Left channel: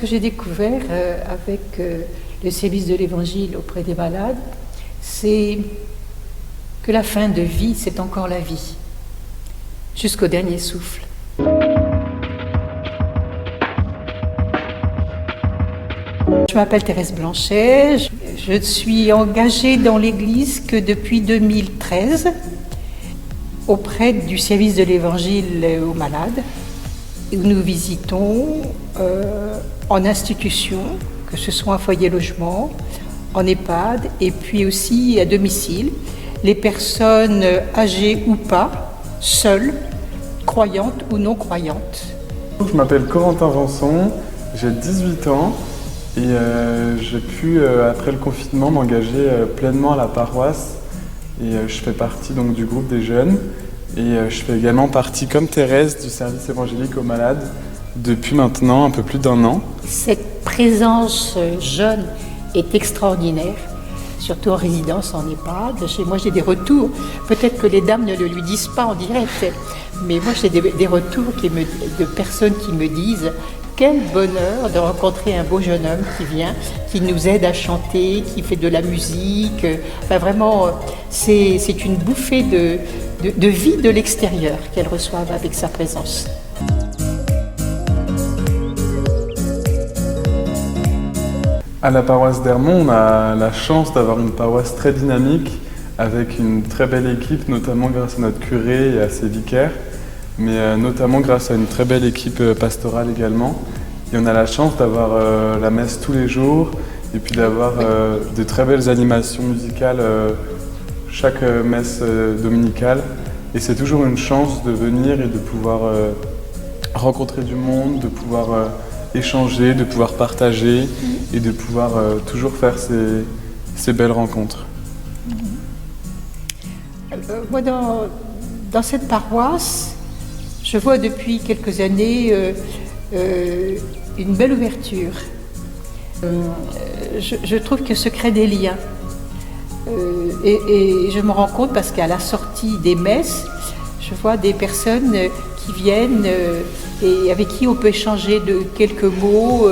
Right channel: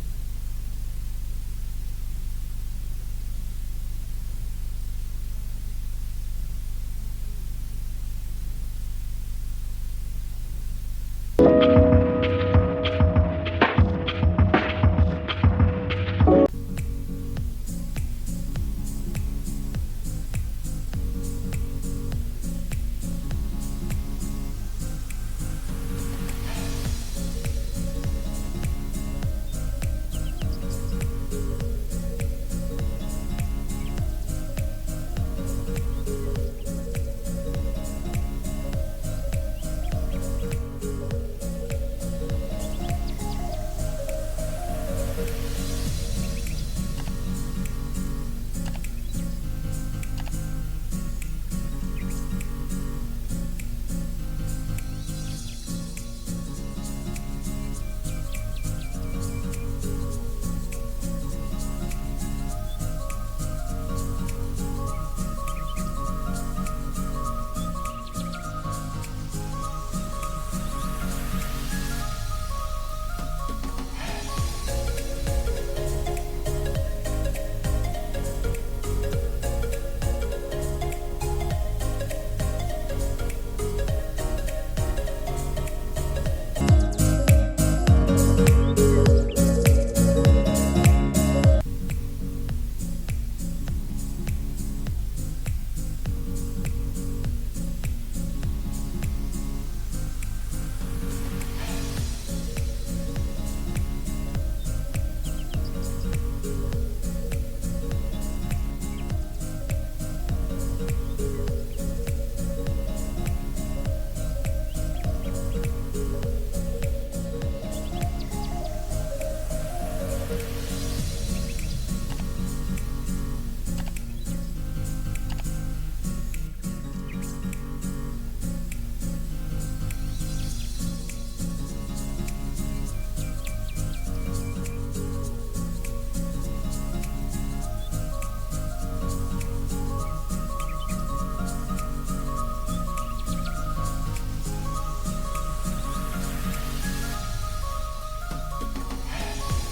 que j'ai découvert avec le service de l'Évangile auprès des malades, c'est que la fin de vie, c'est encore la vie, jusqu'au dernier souffle. Je m'appelle Thérèse Blanchet, je suis engagée dans l'Église que depuis 2013 auprès du service de l'Évangile aux malades. Nous visitons en institution, que ce soit en foyer logement, en EHPAD et puis aussi à domicile, les personnes âgées ou pas, seules, croyantes ou non croyantes. Je m'appelle Corentin Rançon, j'ai 18 ans et j'ai pu, après le confinement, m'engager pleinement à la paroisse. Et je fais partie donc du groupe des jeunes et je fais également partie, comme Thérèse, du service évangélique aux malades depuis maintenant un peu plus d'1 an. Cette présence jeune est extraordinaire, surtout en résidence en EHPAD. Chez moi, j'ai des retours. Peut-être que les dames ne le lui disent pas en direct, mais moi, j'ai des retours de personnes qui me disent quel bonheur de rencontrer un beau jeune homme qui vient, qui nous aide à chanter, qui fait de la musique. Enfin, vraiment, c'est une bouffée de vie de l'extérieur qu'elles reçoivent avec sa présence. À la paroisse d'Ermont, on a la chance d'avoir une paroisse très dynamique avec une très belle équipe, notamment grâce à notre curé et à ses vicaires, mais notamment grâce à une très belle équipe pastorale également. Et on a la chance d'avoir la messe tous les jours et puis d'avoir de très belles animations musicales chaque messe dominicale. Et c'est toujours une chance de venir et de pouvoir rencontrer du monde, de pouvoir échanger, de pouvoir partager et de pouvoir toujours faire ces belles rencontres. Moi, dans cette paroisse, je vois depuis quelques années une belle ouverture. Je trouve que se créent des liens. Et je me rends compte parce qu'à la sortie des messes, je vois des personnes qui viennent et avec qui on peut échanger de quelques mots,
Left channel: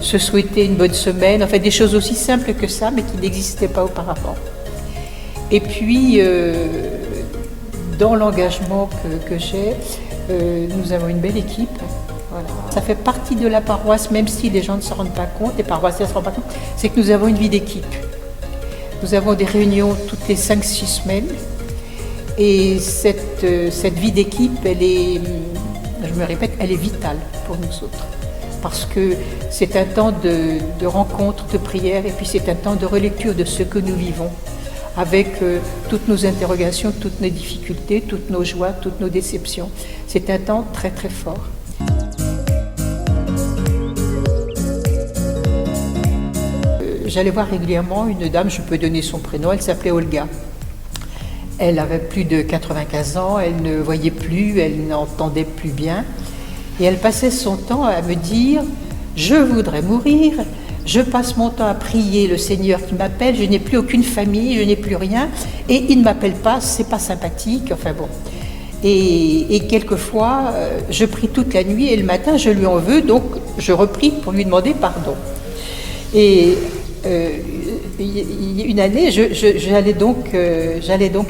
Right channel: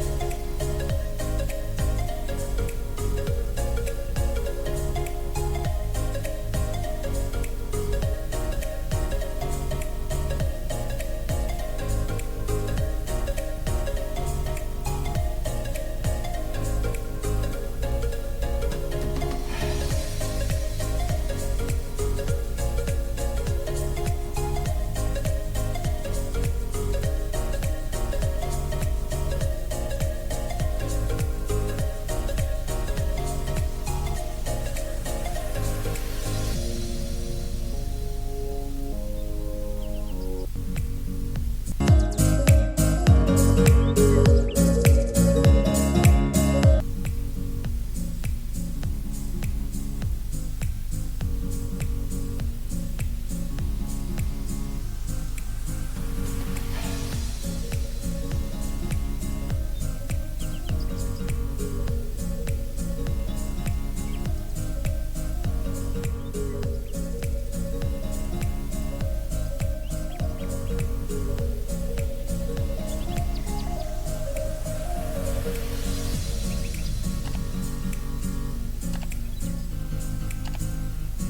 se souhaiter une bonne semaine, enfin des choses aussi simples que ça, mais qui n'existaient pas auparavant. Et puis, dans l'engagement que j'ai, nous avons une belle équipe. Voilà. Ça fait partie de la paroisse, même si les gens ne se rendent pas compte, les paroissiens ne se rendent pas compte, c'est que nous avons une vie d'équipe. Nous avons des réunions toutes les 5-6 semaines. Et cette vie d'équipe, elle est, je me répète, elle est vitale pour nous autres. Parce que c'est un temps de rencontre, de prière, et puis c'est un temps de relecture de ce que nous vivons, avec toutes nos interrogations, toutes nos difficultés, toutes nos joies, toutes nos déceptions. C'est un temps très très fort. J'allais voir régulièrement une dame, je peux donner son prénom, elle s'appelait Olga. Elle avait plus de 95 ans, elle ne voyait plus, elle n'entendait plus bien. Et elle passait son temps à me dire « Je voudrais mourir, je passe mon temps à prier le Seigneur qui m'appelle, je n'ai plus aucune famille, je n'ai plus rien, et il ne m'appelle pas, c'est pas sympathique, enfin bon. » Et quelquefois, je prie toute la nuit et le matin, je lui en veux, donc je reprie pour lui demander pardon. Et une année, j'allais donc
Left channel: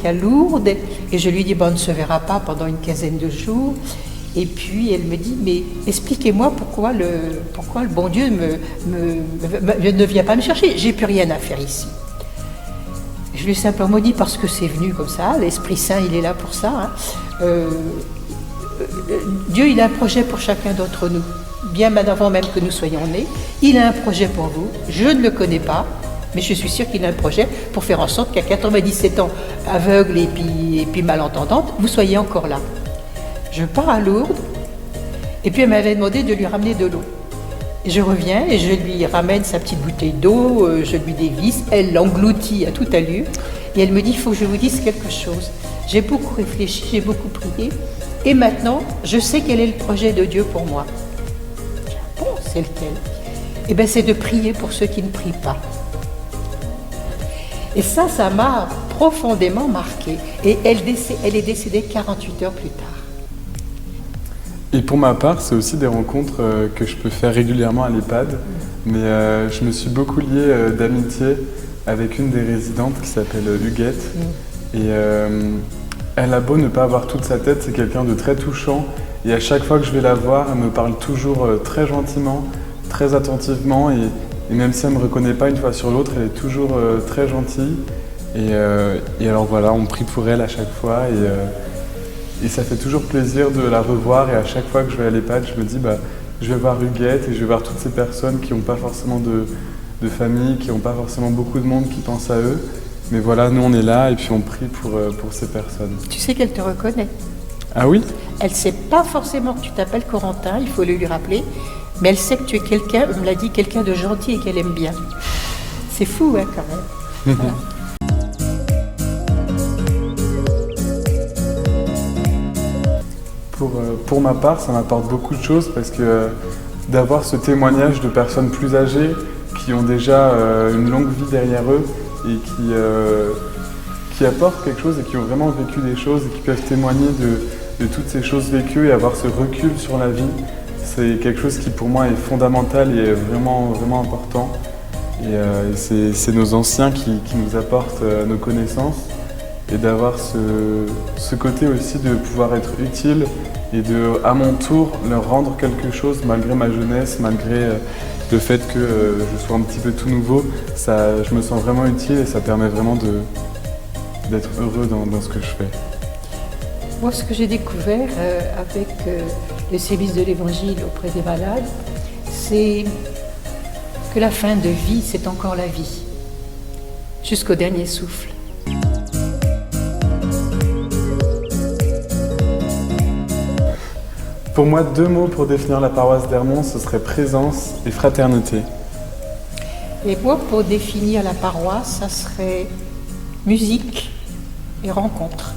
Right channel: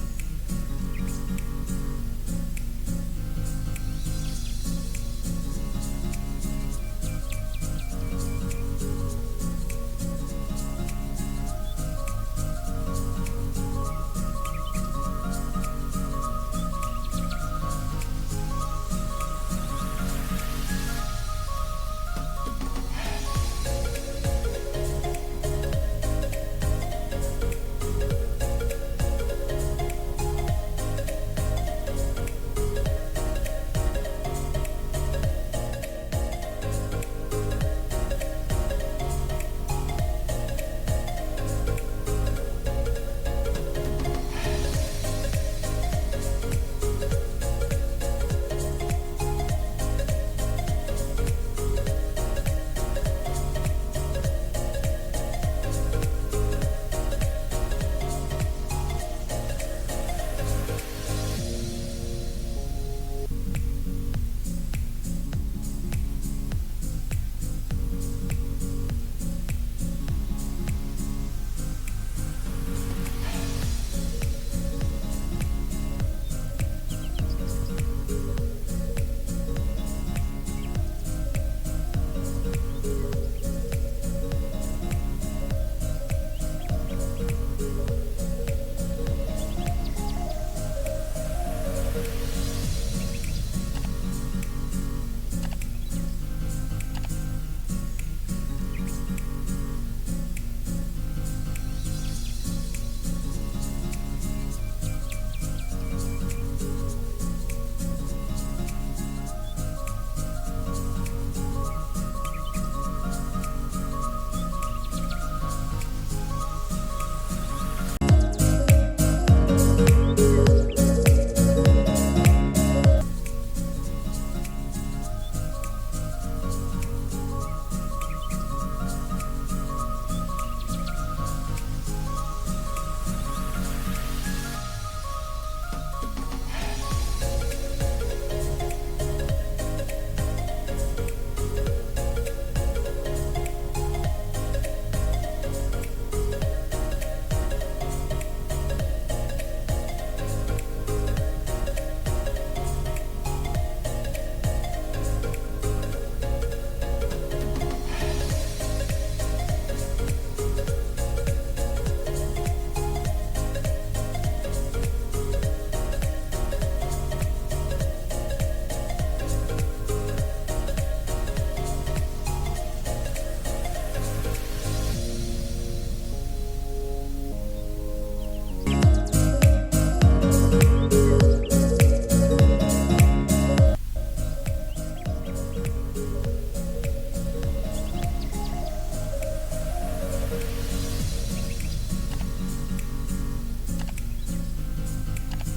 à Lourdes et je lui dis on ne se verra pas pendant une quinzaine de jours. Et puis elle me dit mais expliquez-moi pourquoi le bon Dieu ne vient pas me chercher, j'ai plus rien à faire ici. Je lui ai simplement dit parce que c'est venu comme ça, l'Esprit Saint il est là pour ça. Dieu il a un projet pour chacun d'entre nous. Bien avant même que nous soyons nés, il a un projet pour vous, je ne le connais pas, mais je suis sûre qu'il a un projet pour faire en sorte qu'à 97 ans, aveugle et puis malentendante, vous soyez encore là. Je pars à Lourdes, et puis elle m'avait demandé de lui ramener de l'eau. Et je reviens et je lui ramène sa petite bouteille d'eau, je lui dévisse, elle l'engloutit à toute allure, et elle me dit, il faut que je vous dise quelque chose. J'ai beaucoup réfléchi, j'ai beaucoup prié, et maintenant, je sais quel est le projet de Dieu pour moi. C'est lequel? Eh bien, c'est de prier pour ceux qui ne prient pas. Et ça m'a profondément marquée. Et elle est décédée 48 heures plus tard. Et pour ma part, c'est aussi des rencontres que je peux faire régulièrement à l'EHPAD. Mais je me suis beaucoup lié d'amitié avec une des résidentes qui s'appelle Huguette. Et elle a beau ne pas avoir toute sa tête, c'est quelqu'un de très touchant. Et à chaque fois que je vais la voir, elle me parle toujours très gentiment, très attentivement. Et même si elle ne me reconnaît pas une fois sur l'autre, elle est toujours très gentille. Et alors voilà, on prie pour elle à chaque fois. Et ça fait toujours plaisir de la revoir. Et à chaque fois que je vais à l'EHPAD, je me dis, je vais voir Huguette et je vais voir toutes ces personnes qui n'ont pas forcément de famille, qui n'ont pas forcément beaucoup de monde qui pense à eux. Mais voilà, nous on est là et puis on prie pour ces personnes. Tu sais qu'elle te reconnaît. Ah oui? Elle ne sait pas forcément que tu t'appelles Corentin, il faut le lui rappeler, mais elle sait que tu es quelqu'un, on me l'a dit, quelqu'un de gentil et qu'elle aime bien. C'est fou, hein, quand même. Voilà. Pour ma part, ça m'apporte beaucoup de choses parce que d'avoir ce témoignage de personnes plus âgées qui ont déjà une longue vie derrière eux et qui apportent quelque chose et qui ont vraiment vécu des choses et qui peuvent témoigner de toutes ces choses vécues et avoir ce recul sur la vie, c'est quelque chose qui pour moi est fondamental et est vraiment, vraiment important. Et c'est nos anciens qui nous apportent nos connaissances. Et d'avoir ce côté aussi de pouvoir être utile et de, à mon tour, leur rendre quelque chose malgré ma jeunesse, malgré le fait que je sois un petit peu tout nouveau. Je me sens vraiment utile et ça permet vraiment d'être heureux dans ce que je fais. Moi, ce que j'ai découvert avec le service de l'Évangile auprès des malades, c'est que la fin de vie, c'est encore la vie, jusqu'au dernier souffle. Pour moi, 2 mots pour définir la paroisse d'Ermont, ce serait présence et fraternité. Et moi, pour définir la paroisse, ça serait musique et rencontre.